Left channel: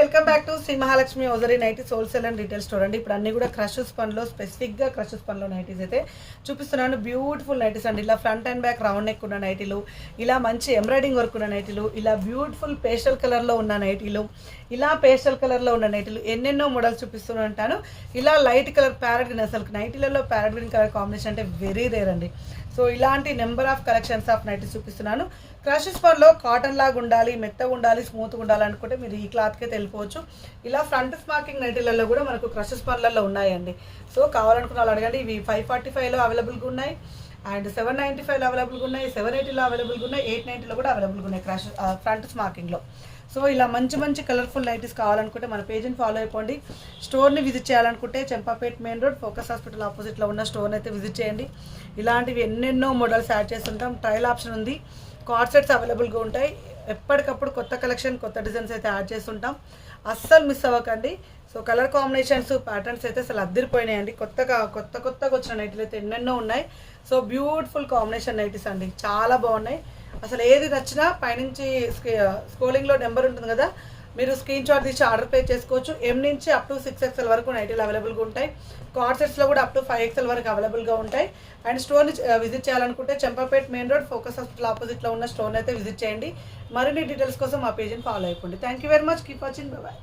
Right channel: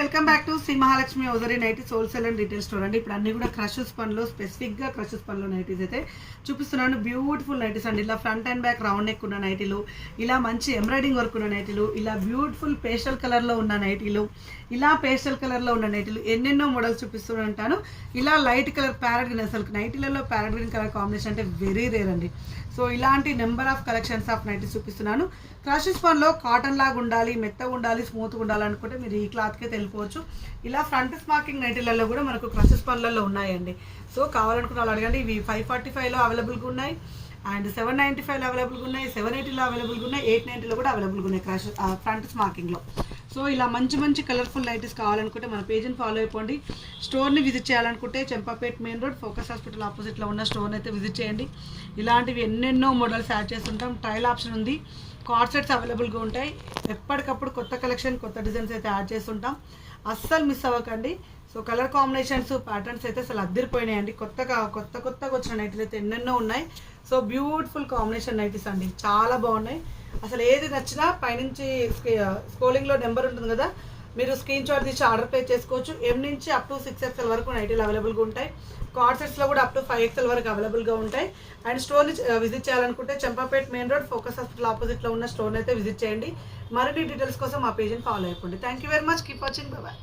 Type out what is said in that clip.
Welcome back to Shri Mahalakshmi hosiery nighties wholesale and retail store అండి. ఇప్పుడు అన్ని కూడా క్రషెస్ పనిలో స్పెసిఫిక్గా క్రషెస్ పనిలో నైటీస్ అయితే చూపిస్తున్నాను. బ్యూటిఫుల్ నైటీస్ అండి. ఇలా front and back round neck ఉన్న నైటీలు, ఇలా మంచి ఎంబ్రాయిడింగ్ వర్క్ ఉన్న నైటీలు, ఇలా బ్యూటిఫుల్ పేస్టల్ కలర్లో ఉన్న నైటీలు, ఇలా పేస్టల్ కలర్లో ఉన్న నైటీలు, ఎన్నెన్నో మోడల్స్ చూపిస్తూనే ఉంటాను. ఇలా లైట్ కలర్ ప్యారెట్ గ్రీన్, అసలు నైటీలలో ప్యారెట్ గ్రీన్ కలర్ కాంబినేషన్ అంటే వెరీ రేర్ అండి. సో ఇలాంటి number of collections of nighties చూపిస్తున్నాను. క్రషెస్ పనిలో కాటన్ లాగా ఉండాలి, మెత్తగా ఉండాలి, స్మూత్గా ఉండాలి అనుకుంటే మీరు ఈ క్లాత్కే తెలిపోవచ్చు. ఇలా ఫ్రంట్ స్మార్కింగ్ నైటీలలో కూడా మనకు క్రషెస్ పనులలో ఉన్నాయండి. సో కావాలనుకున్న వాళ్ళు అడగండి. ఇవి 545లో అవైలబుల్గా ఉన్నాయి, అండ్ 795లో అవైలబుల్గా ఉన్నాయి, 780లో అవైలబుల్గా ఉన్నాయి, 890లో కూడా అవైలబుల్గా ఉన్నాయి క్రష్ ఫ్రంట్ స్మార్కింగ్లో. సో ఇలా మంచి మంచి కలర్ఫుల్ నైటీస్ కావాలనుకుంటే మన పేజ్ని ఫాలో అయిపోండి. స్టోర్ని విజిట్ చేయాలనుకుంటే Champapet main road focus hospital ఆపోజిట్లో ఉన్న స్టోర్ని అయితే విజిట్ చేయండి. ఇలాంటివి ఎన్నెన్నో మోడల్స్ యాడ్ చేస్తుంటాం. ట్రయల్ ఆప్షన్ ఉంది, కార్డ్ సెట్స్ అవైలబుల్గా ఉంటాయి. ఎప్పటికప్పుడు కొత్త కలెక్షన్, కొత్త డిజైన్స్ అయితే యాడ్ చేస్తుంటాం. అస్సలు మిస్ అవ్వకండి. సో కలర్ కాంబినేషన్స్, ప్యాటర్న్స్ అయితే అసలు అద్దరిపోయినాయండి. కొత్తగా వచ్చిన నైటీలు అయితే ఎన్నెన్నో ఉన్నాయి. సో బ్యూటిఫుల్ కాంబినేషన్ నైటీస్ అండి, చాలా బాగున్నాయి. అసలు ఏది నచ్చినా పైనుంచి స్క్రోలింగ్లో నెంబర్ ఉంటుంది కదా, మీరు స్క్రీన్ షాట్ తీసి ఆర్డర్ పే చేసుకోవచ్చు. M నుంచి అప్ టు 6XL వరకు నైటీలు అవైలబుల్గా ఉంటాయి. కార్డ్ సెట్స్లో కూడా అప్ టు 5XL వరకు అవైలబుల్గా ఉంటాయి. అండ్ స్టోర్ని విజిట్ చేయాలనుకుంటే Champapet main road focus hospital ఆపోజిట్లో ఉన్న స్టోర్ని అయితే విజిట్ చేయండి. మరిన్ని డీటెయిల్స్ కోసం మా పేజ్ని ఫాలో అయిపోండి. Thank you very much. Keep watching. Bye.